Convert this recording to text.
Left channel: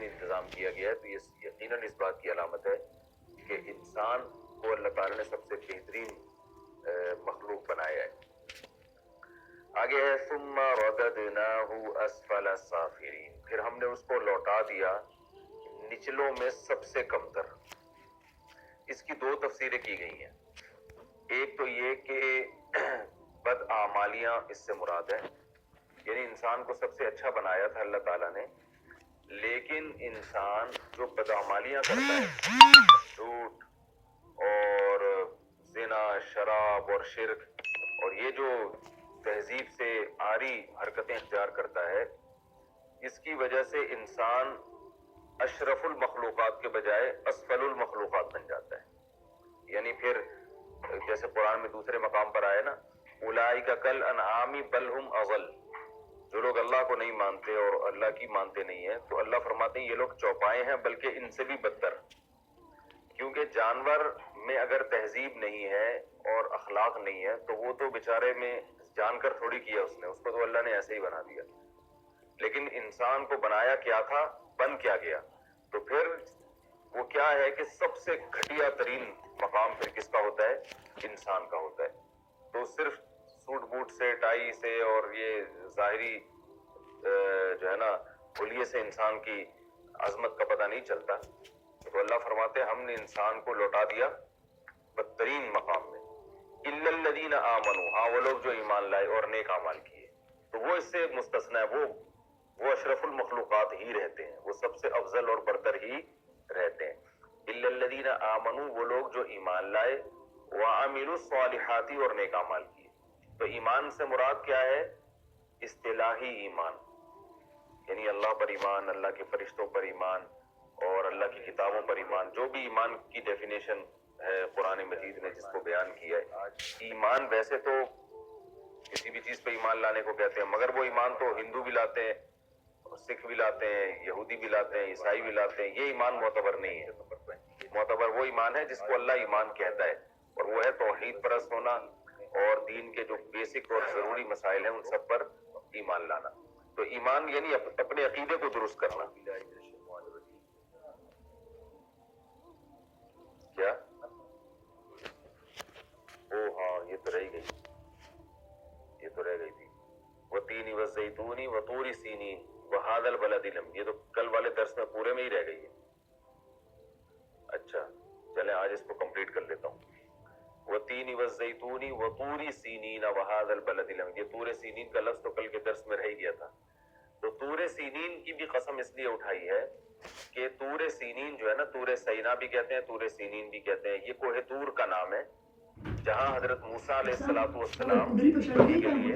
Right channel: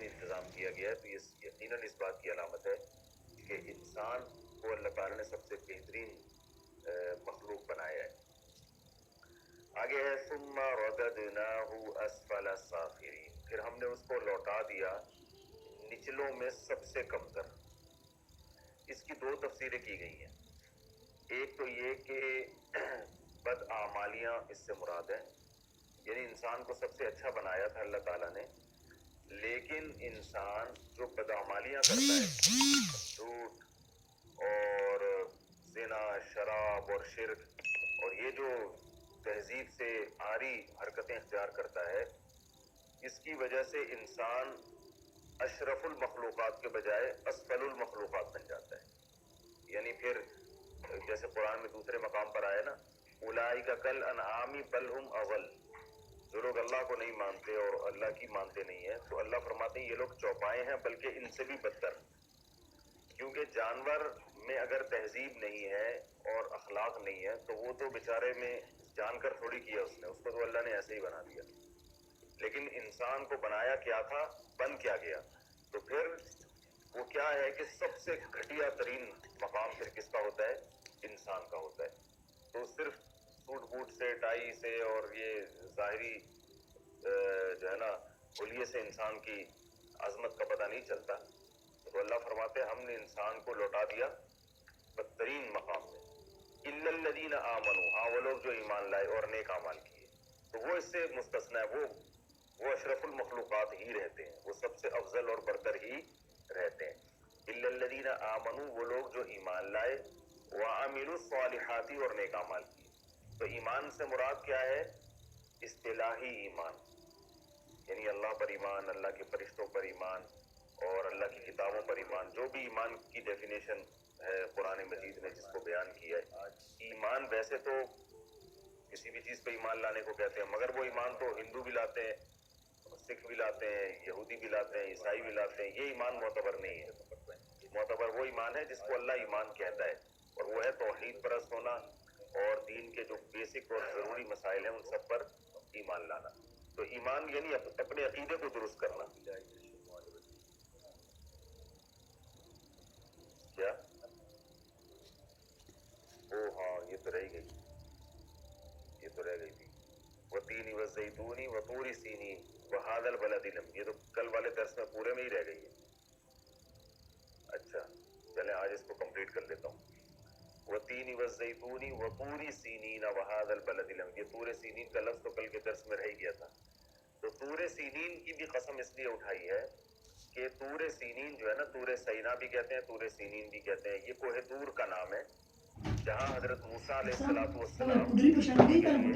इंतजाम किया गया है, तो ये यकीनन इस बात की अलामत है कि इंसान को अल्लाह ताला ने सबसे बेहतरीन मखलूक बनाया है। आगे है सुम्मा रददनाहु अस्फल साफिलीन, फिर हमने उसको लौटा दिया निचलों में सबसे कमतर। इसकी दो तफसीरें की गई हैं। एक तो ये कि बदआमालियां इससे मुराद है, यानी इंसान को सबसे अच्छा बनाया था अल्लाह ताला ने, लेकिन इंसान जो बदआमालियां करता है, झूठ और जिना, शराब और शिर्क, और ये जो तहजीब से आरी हरकतें इख्तियार करता है, इसकी वजह से इंसान अशरफुल मखलूकात के बजाय असफलुल मखलूकात बन जाता है। यानी फिर जैसे कुरान में दूसरे मकाम पर आया ना, उलाइका कल अनआमी बल हुम अज़ल, जो लोग अल्लाह को नहीं मानते और अल्लाह की मानते नहीं है, तो अल्लाह फरमाते हैं ये लोग चौपाए हैं, बल्कि इनसे भी बदतर। क्योंकि जानवर में अगर तहजीब नहीं है और अखलाक नहीं है, तो वो तो बेचारे में जानकर थोड़ी किया उसने, उसको तो अल्लाह ने ऐसे ही बना दिया। लेकिन इंसान को बनाया क्या था, बन क्या गया, तो फिर वो क्या है कि सबसे घटिया तरीन मकाम फिर किसका होता है, इंसान का होता है। तो सिर्फ सूट बूट से, टाई से और ये जाहिरी जो है ना हुलिये से इंसान की अजमत का पता नहीं चलता। तो अल्लाह फरमाते हैं हमने इंसान को लौटा दिया बदतरीन मकाम में। इल्लल्लज़ीना आमनू, हाँ वो लोग जो ईमान लाए और नेक अमाल किए, तो वो इससे मुस्तस्ना है, वो अशरफुल मखलूकात ही रहते हैं, वो सबसे अफजल और बरतर ही रहते हैं। इल्लल्लज़ीना आमनू, वो लोग जो ईमान लाए, व अमिलुस सालिहाती, और नेक अमाल किए। तो ईमान से मुराद क्या है, इस्तिलाही ईमान, यानी अल्लाह पर ईमान, अल्लाह के फरिश्तों पर ईमान और अल्लाह की किताबों पर ईमान। जो भी ईमान की डेफिनेशन है कुरान मजीद ने जिसको बयान किया है, ईमान वैसे तो किसी भी चीज पे ईमान लाने को कहते हैं, मगर वो ईमान तो हिंदू भी लाते हैं, सिख भी लाते हैं, यहूदी भी लाते हैं, ईसाई भी लाते हैं। ये ईमान मोतबर नहीं है। मोतबर वो ईमान है जिसको अल्लाह ईमान कहता है, और वो है तौहीद परस्त होना और दीन के जो बेसिक और जरूरी मसाइल हैं उन सब पर ईमान लाना। तो ईमान यानी अपने अकीदे को दुरुस्त करना। क्या ओ हाँ, ये तो रह गई, ये तो रह गई थी। वतीनी वज़ैतूनी वतूरी सीनीन वहादल बलदिल अमीन, ये तो कल वाले दर्स में पूरे में ही रह गई है। अच्छा चले आज इसको कंप्लीट कर लेता हूँ। वतीनी वज़ैतूनी वतूरी सीनीन वहादल बलदिल अमीन, ये तूरे सीनीन का लफ्ज तो कल के दर्स में रह गया था। तो तूरे सीनीन की भी कसम इसलिए उठाई है कि तूरे सीनीन जो है ना, तूरे सैना भी कहते हैं, तूरे सीनीन भी कहते हैं, ये कोहे तूर का नाम है, जहाँ हजरत मूसा अलैहिस्सलातु वस्सलाम के लिए